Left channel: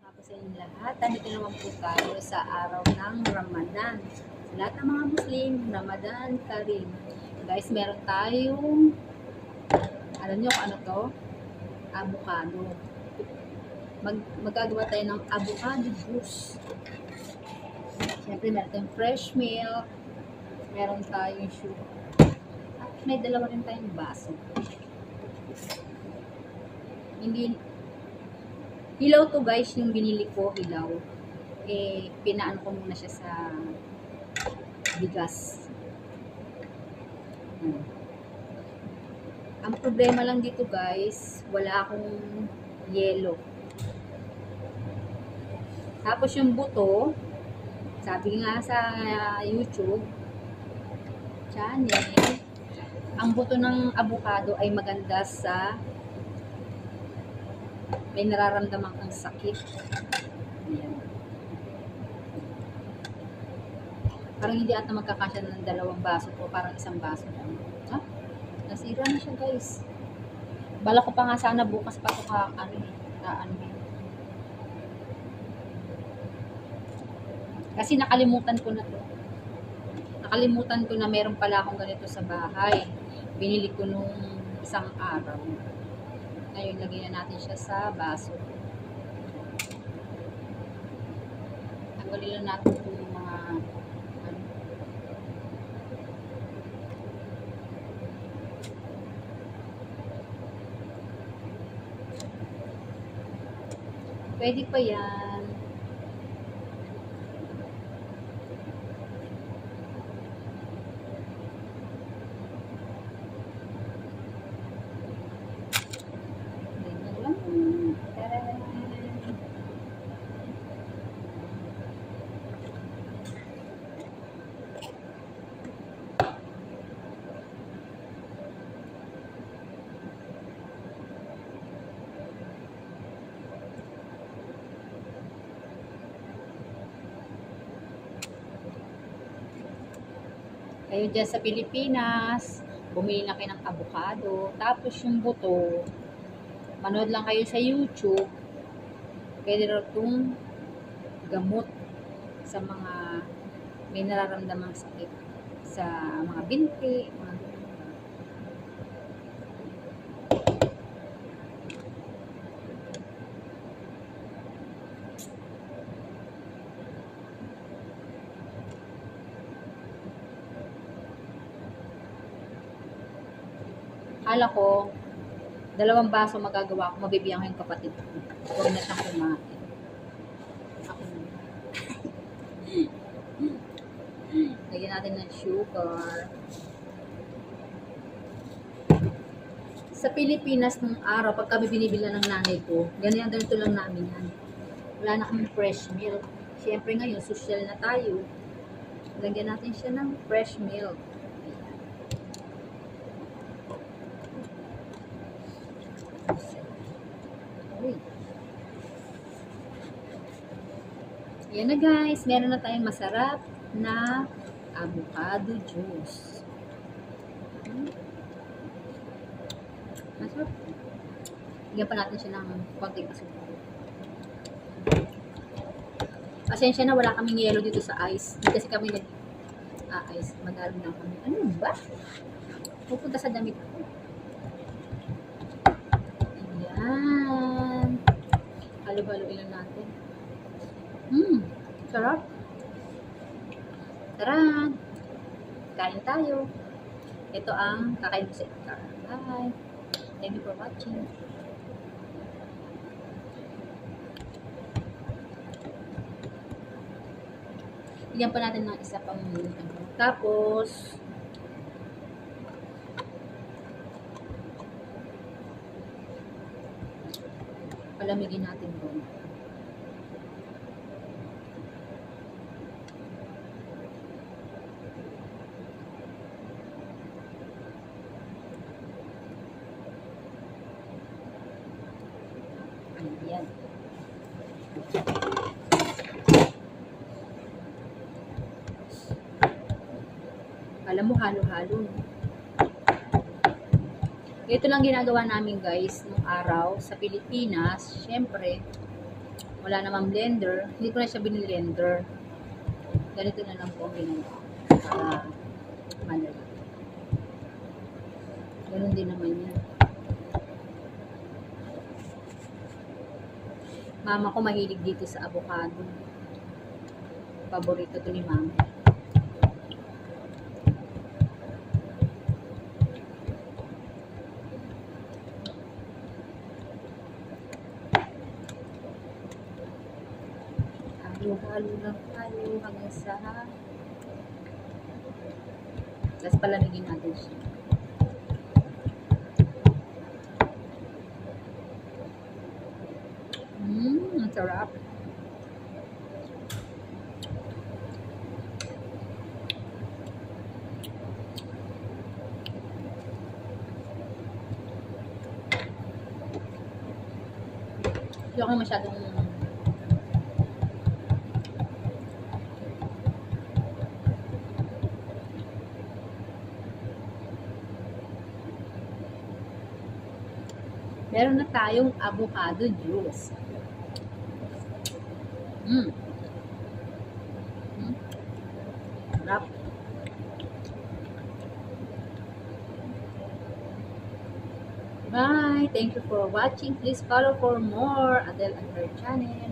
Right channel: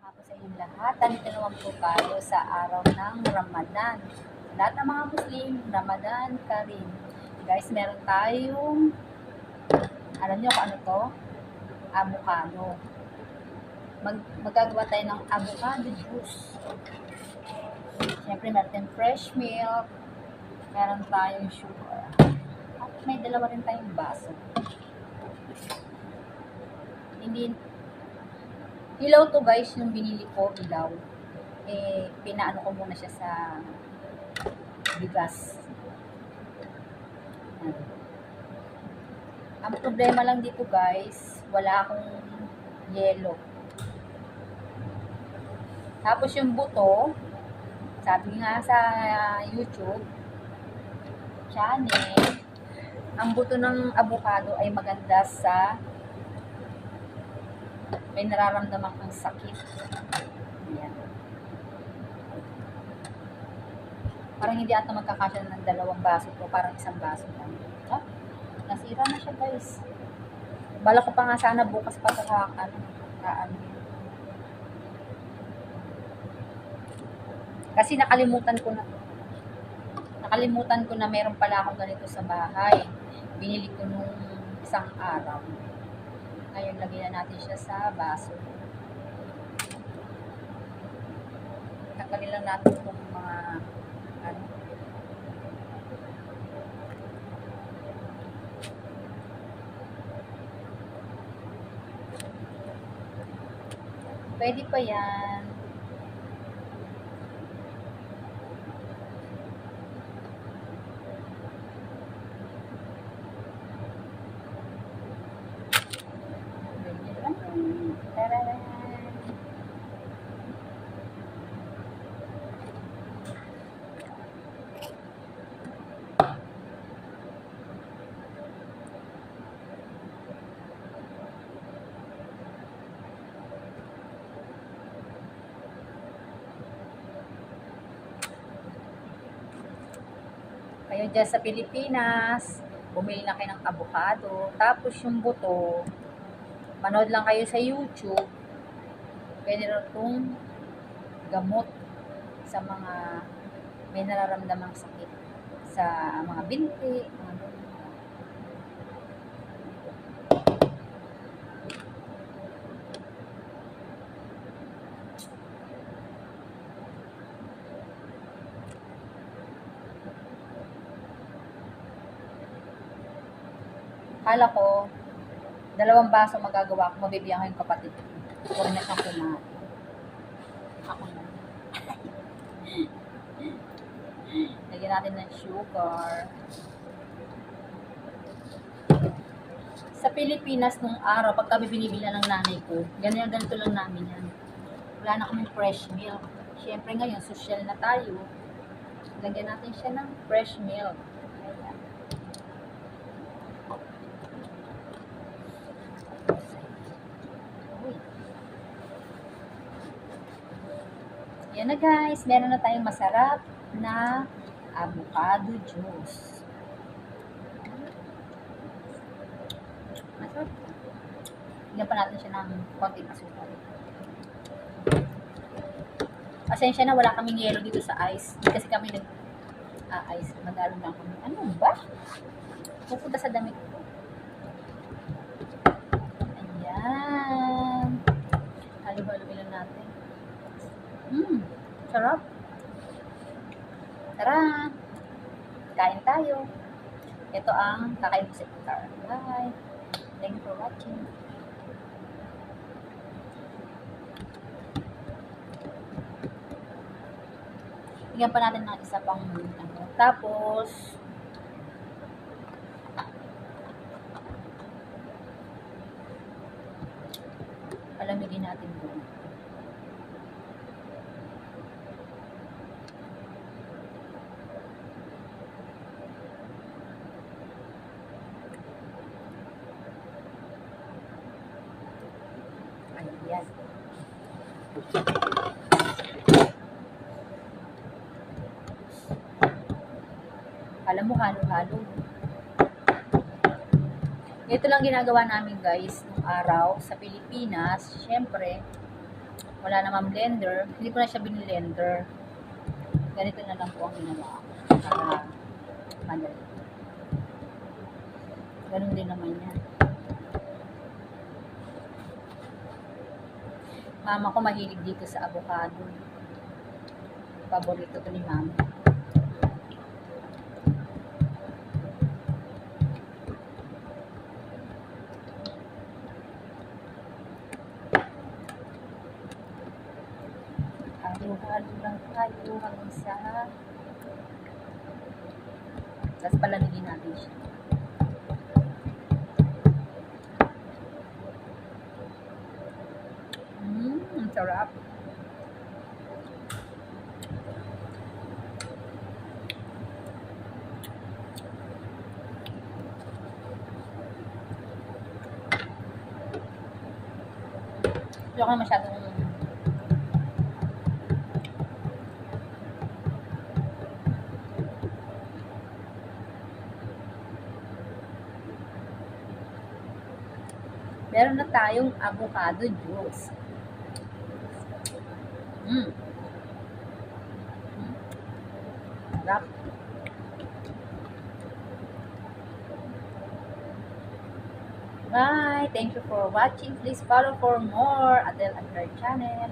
Hapon sa inyong lahat. Nandito naman po tayo sa araw ng Ramadan. Sa lahat ng mga Muslim, Ramadan Karim. Guys, meron tayong, alam nyo kung ano to? Avocado. Magagawa tayo ng avocado juice. Siyempre, meron tayong fresh milk. Meron tayong sugar. At may dalawa rin tayong baso. Hilaw to guys, yung binili ko, hilaw. Pinaano ko muna siya sa bigas. Ang problema lang dito guys, wala akong yelo. Tapos yung buto, sabi nga sa YouTube channel, ang buto ng avocado ay maganda sa may nararamdaman kang sakit. Ayan. Parang hindi ata magkakasya ng 2 baso o parang 1 baso lang. Nasira na siya guys. Bala ko pa nga sana bukas pa ito kasi nakalimutan ko na to. Nakalimutan ko na meron pala akong ganito sa bahay. Binili ko nung isang araw. Ngayon, lagyan na natin siya sa baso. Tanggalin lang natin itong mga ano. Pwede pa yan. Kayo dyan sa Pilipinas, bumili na kayo ng avocado, tapos yung buto, manood lang kayo sa YouTube, pwede rin itong gamot sa mga may nararamdamang sakit sa mga binti, mga Kala ko, 2 baso magagawa ko, mabibigyan ko yung kapatid ko. Huwag na siyang kumain. Ako na. Lagyan natin ng sugar. Sa Pilipinas nung araw, pag kami binibili ng nanay ko, ganito lang namin yan. Wala na kaming fresh milk. Siyempre ngayon, social na tayo. Lagyan natin siya ng fresh milk. Yan na guys, meron na tayong masarap na avocado juice. Masarap. Bigyan pa natin siya ng konting asukal. Pasensya na, wala kaming yelo dito sa ice. Hindi kasi kami nag-ice. Magalo lang kami. Ano ba? Pupunta sa damit ko. Ayan. Halo-haloin lang natin. Sarap. Tara. Kain tayo. Ito ang kakain ko sa iftar. Bye. Thank you for watching. Bigyan pa natin ng isa pang ano. Tapos palamigin natin doon. Ayan. Alam mo, halo-halo. Ito lang ginagawa namin guys nung araw sa Pilipinas. Syempre, Wala namang blender. Hindi ko na siya binilender. Ganito na lang po ang ginawa ko. Para madali. Ganun din naman yan. Mama ko mahilig dito sa avocado. Paborito to ni mama. Halo-halo lang tayo hanggang sa tapos palamigin natin siya. Ang sarap. Hindi ako masyadong meron na tayong avocado juice. Sarap. Bye! Thank you for watching. Please follow for more Adele and her channel.